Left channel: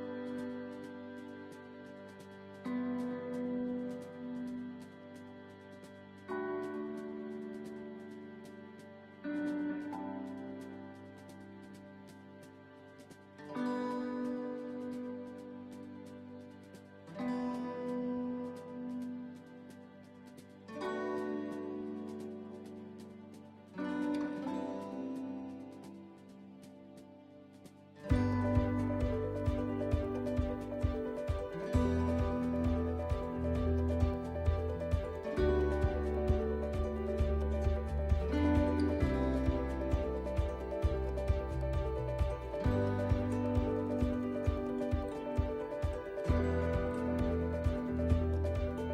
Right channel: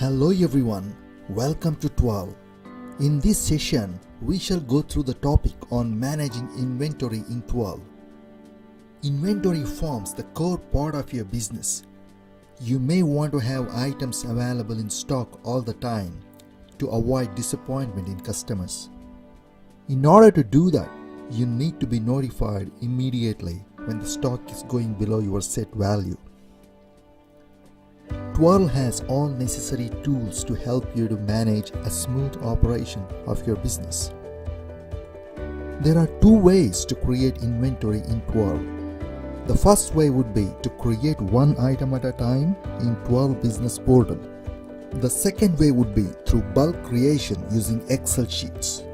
Hello everyone, welcome to Twirll. In this session, we shall go through the topic on managing inventory in Twirll. Inventory forms the core part of your business. You may want to have items available in stock all the time to avoid disappointment in customers. In order to do that, you need to be notified immediately when the stock is going below your set value. Twirll has all necessary tools to help you to manage a smooth operation of your business. There are two ways to create inventory in Twirll. The first way would be to create one item at a time in Twirll Business Portal. The second way would be through bulk creation using Excel sheets.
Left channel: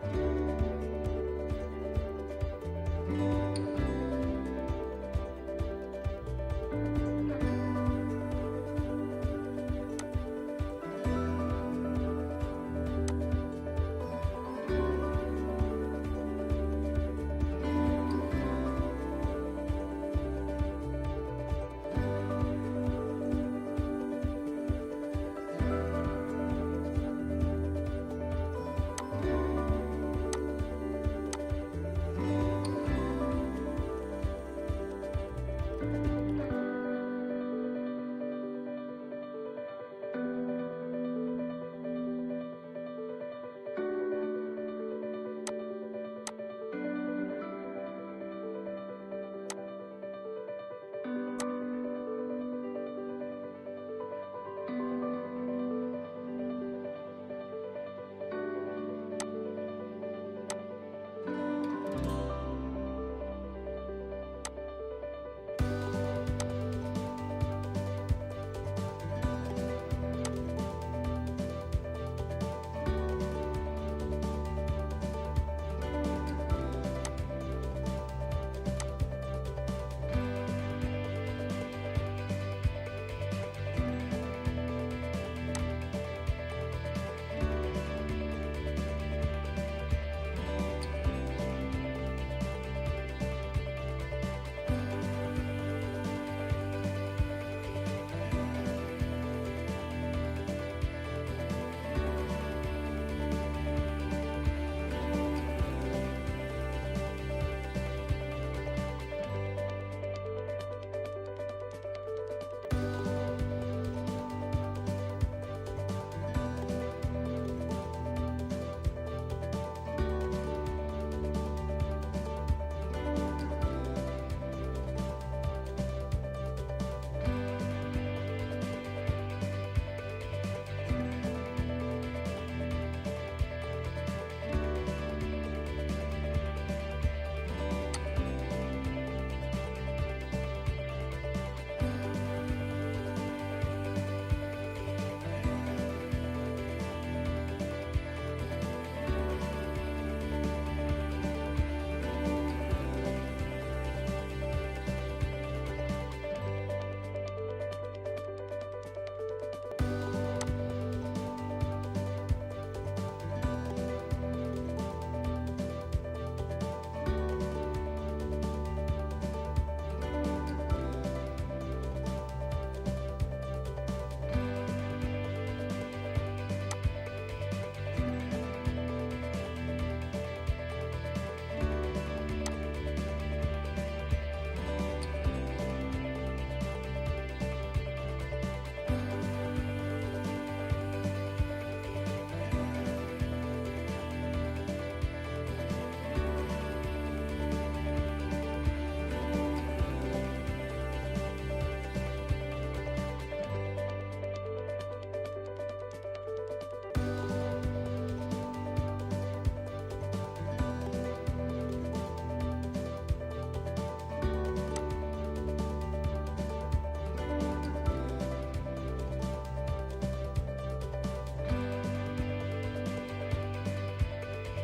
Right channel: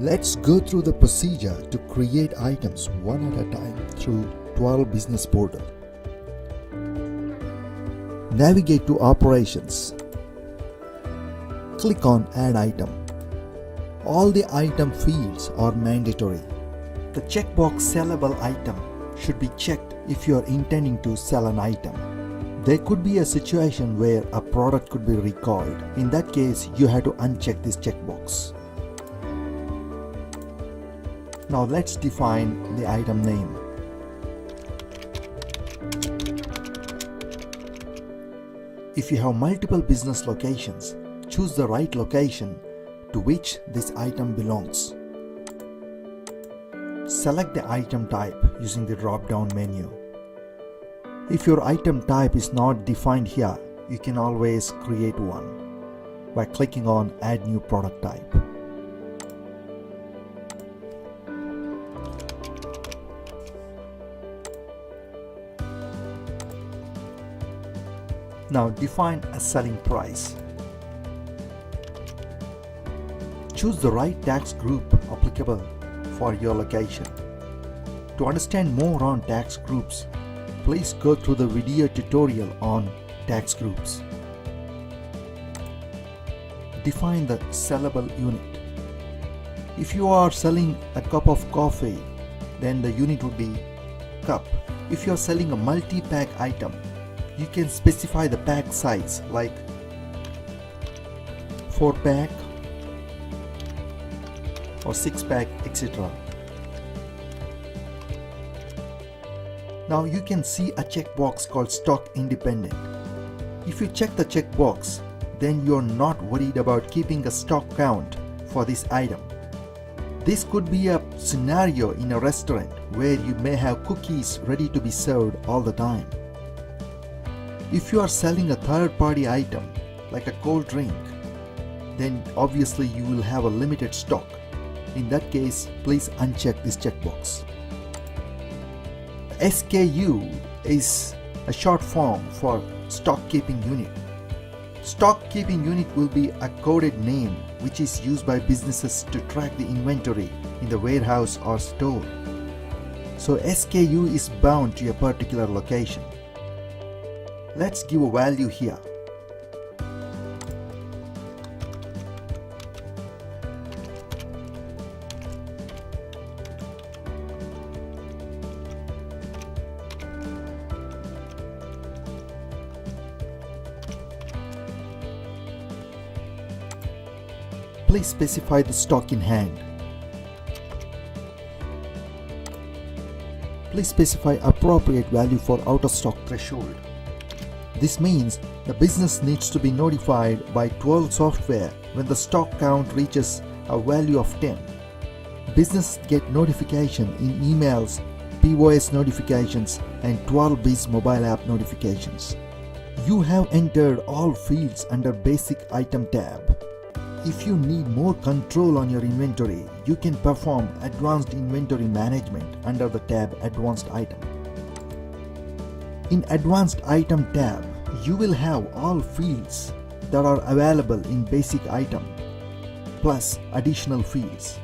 Let's go through the procedure to create items one at a time through Twirll Business Portal. Navigate to Operations. Click on Add Item. All the item fields are mandatory. The checkbox Sellable Item should be checked if you are intending to sell an item. There could be a situation where a product could be recalled. In that case, you have to uncheck this checkbox. Now let's define the item name. If you have multiple business locations, choose the right location to which this item belongs. Select the item type using the drop-down menu. If your item type is not defined here, you can always create one by clicking on Add New Product Type. Now define a selling price. Choose the right tax group applicable for your location. To understand more on tax groups, please go through the video tutorial on tax groups. Define the sellable unit. If you are selling a cup of coffee, then the unit would be cup. If you are selling a multi-pack item, you can specify the pack size like 4-pack or 6-pack, etc. Now you can see a checkbox called Stock Independent. If you check the checkbox, then you're not worried about keeping a stock count for this item. This could be a scenario in a restaurant where you may have cookies ready to be served all the time. If you are selling a third-party item like a cold drink, then obviously you will have a limited stock. In that case, please uncheck this checkbox. SKU is a short form for Stock Keeping Unit. Stock Keeping Unit will be a coded name which is used by businesses to track the inventory in the warehouse or store. So SKU is bound to a particular location. Let's give a value here. Please specify the stock in hand. Please specify appropriate value for out-of-stock threshold. This means the business needs to be notified by Twirll software when the stock count reaches a value of 10. Businesses get notification in emails, POS notifications, and Twirll Biz mobile app notifications. You have entered all fields under Basic Item tab. If you need more control on your inventory, you can perform Advanced Inventory Management under the tab Advanced Item. In Advanced Item tab, you will have all fields that are available in Basic Item, plus additional fields.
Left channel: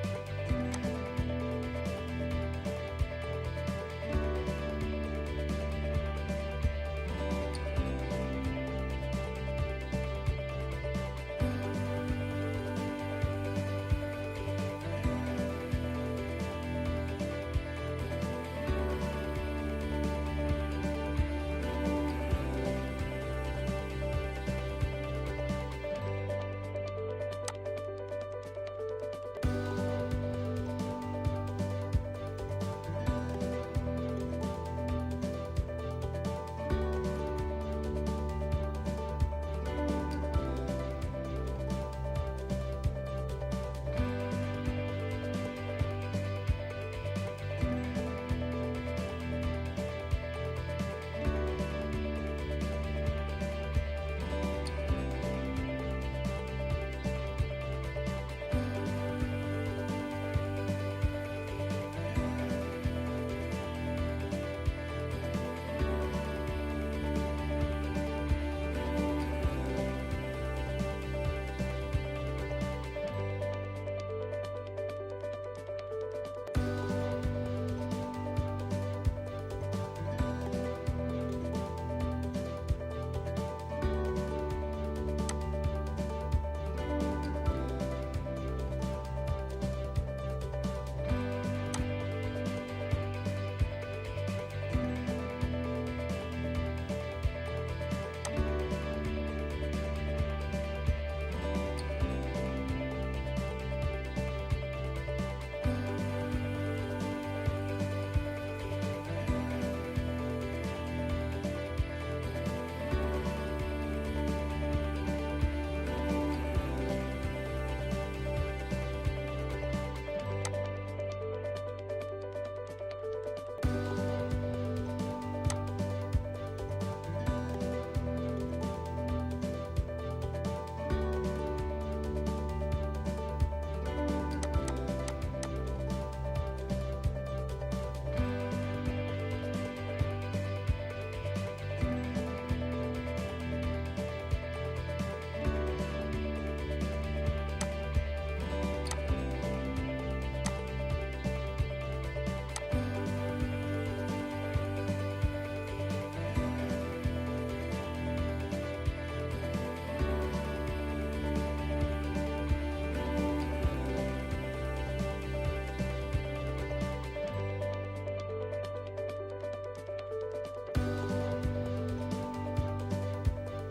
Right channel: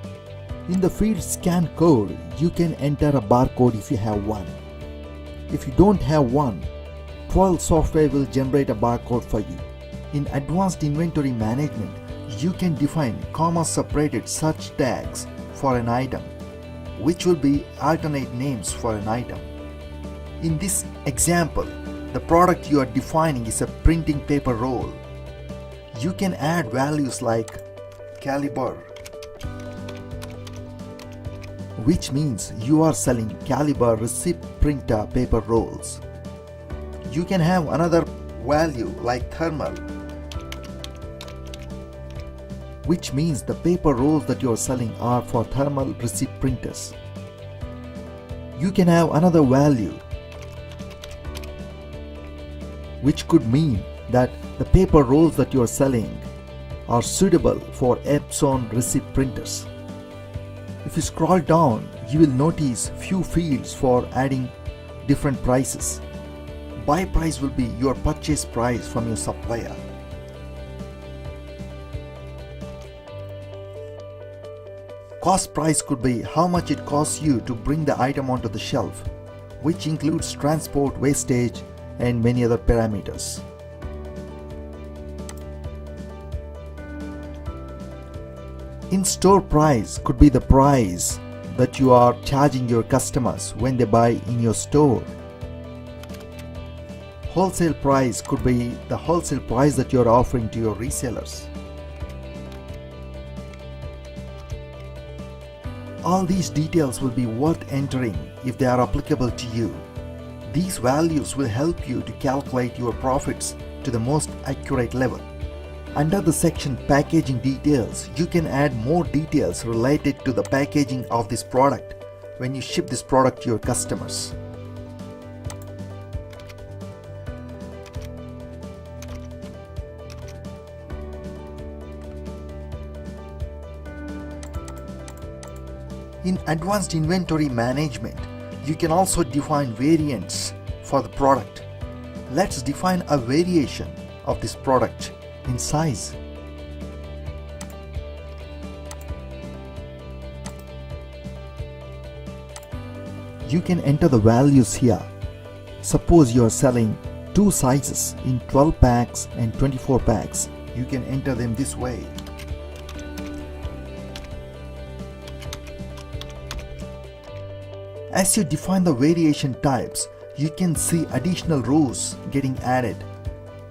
In the field Scan Code, you can enter a barcode if you have one. If you don't have one, Twirll software will generate a barcode for you. In Advanced Inventory Management, you can define comma-separated search tags for an item, which will be alternate names for an item. In this example, the product you are defining is a printing paper roll. You can add values like caliber, which means you are selling caliber receipt printer paper rolls. You can have another value like thermal, which means the paper rolls that you are selling are for thermal receipt printers. You can have another value, which could mean that the paper rolls that you are selling are suitable for Epson receipt printers. If you scroll down, you will notice few fields for adding different prices. Buy price will be your purchase price from your supplier. Cost price could be how much it costs you to bring the item onto the shelf, which includes transport, wastage, and many other parameters. In-store price could be the price that you are charging your customers when they buy in your store. Wholesale price could be the wholesale price that you are offering to your resellers. All these details will be worth entering if they are applicable to you. These values will help you to calculate your profits to the most accurate level. Under the section Packaging Details, you can add more details related to the packaging of this product when you ship this product to your customers. In Advanced Inventory Management, you can also define variants for the product. Let's define a variation of this product in size. You can enter the values here. Suppose you are selling two sizes in 12 packs and 24 packs. You can enter them this way. As you define the variation types, you can see additional rows getting added.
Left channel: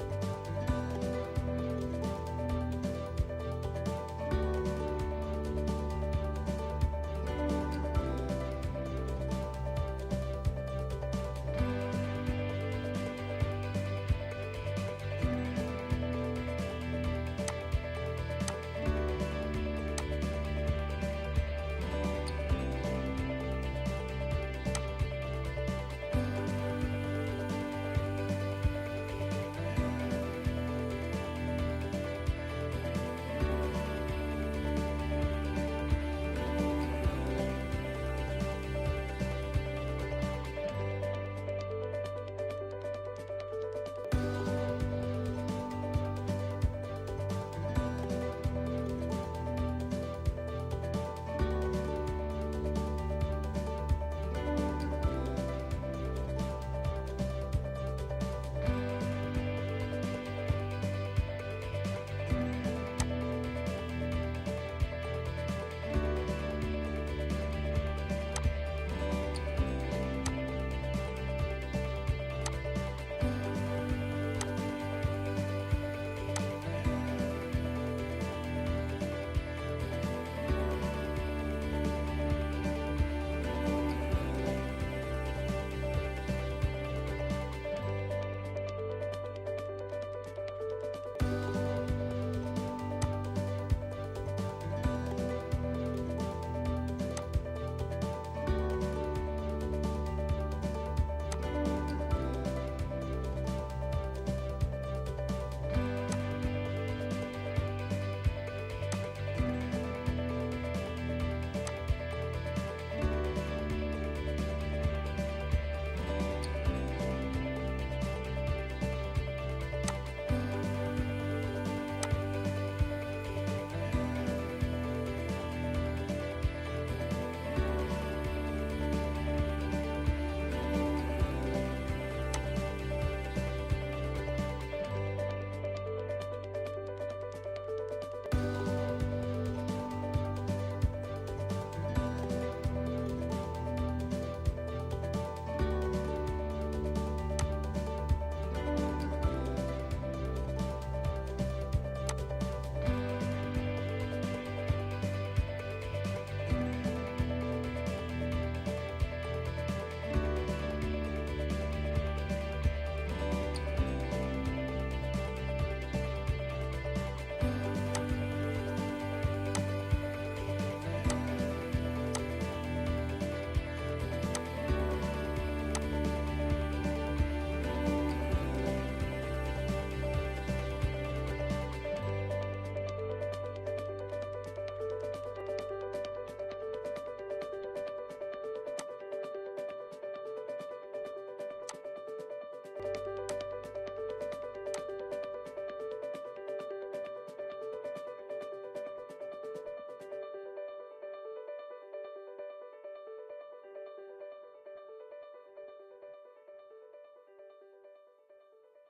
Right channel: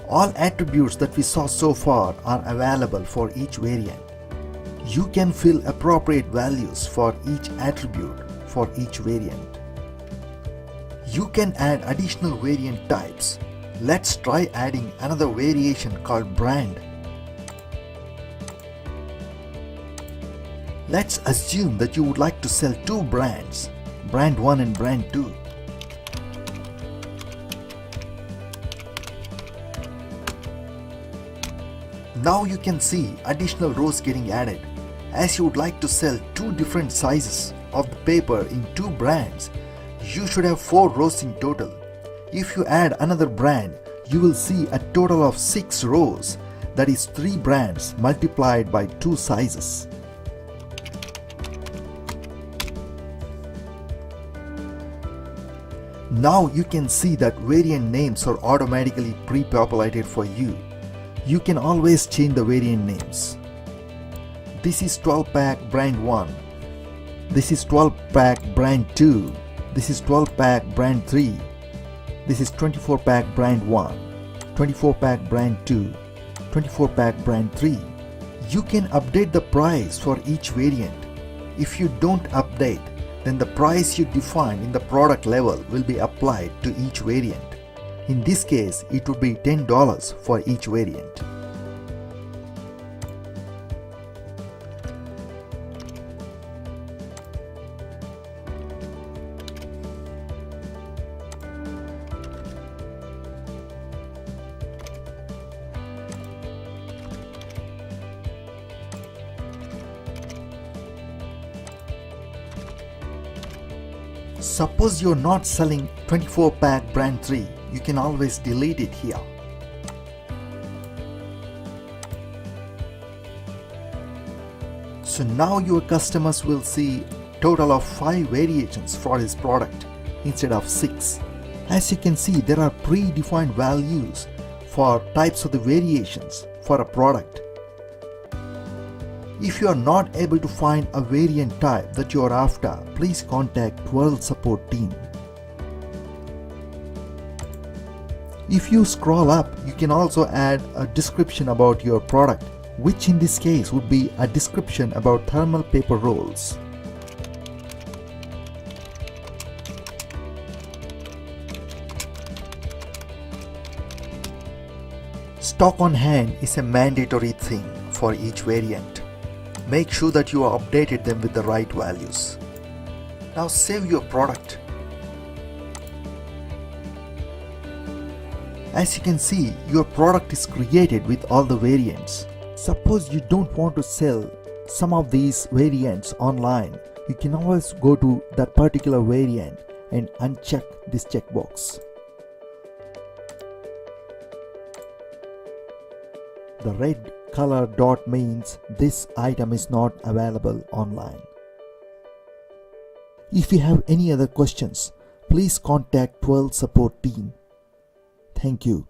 All attributes that we saw so far are available for each variant. You can fill appropriate values for each attribute for each variant. You can add additional variant types. Let's try adding another variation called brand. Let's assume that you would like to sell two brands, brand 1 and brand 2. Now you can see additional rows getting added. As you would like to sell two different sizes of the paper in two brands, you should have 4 rows in total. If you add another brand, you will see a total of 6 rows, that is 3 brands multiplied by 2 sizes. Now you can see that variant names are automatically pre-populated for you. You can always change the variant names. This is 12 pack brand 1. This is 12 pack brand 2. This is 12 pack brand 3. This is 24 pack brand 1. 24 pack brand 2. 24 pack brand 3. You can update the price for each variant. If you don't update, then the price you define in the product level will be applied to each variant. In this case, it would be $10 for each variant. Suppose you're not selling 24 pack brand 3. You can always delete it here. So now your customers will see total of 5 variations for this product instead of 6. As you can see, there are predefined values for types of the variations for a product. If you are not able to find a variant type that you are after, please contact Twirll support team. If you scroll up, you can also add a description about your product, which in this case would be a description about thermal paper rolls. Stock on hand is a mandatory thing for each variant. Make sure that you have updated them with the right values. Now save your product. As you can see, your product is created with all the variants. Suppose you don't want to sell some of these variants online, you can always go to that particular variant and uncheck this checkbox. The red color dot means this item is not available online. If you have any other questions, please contact Twirll support team. Thank you.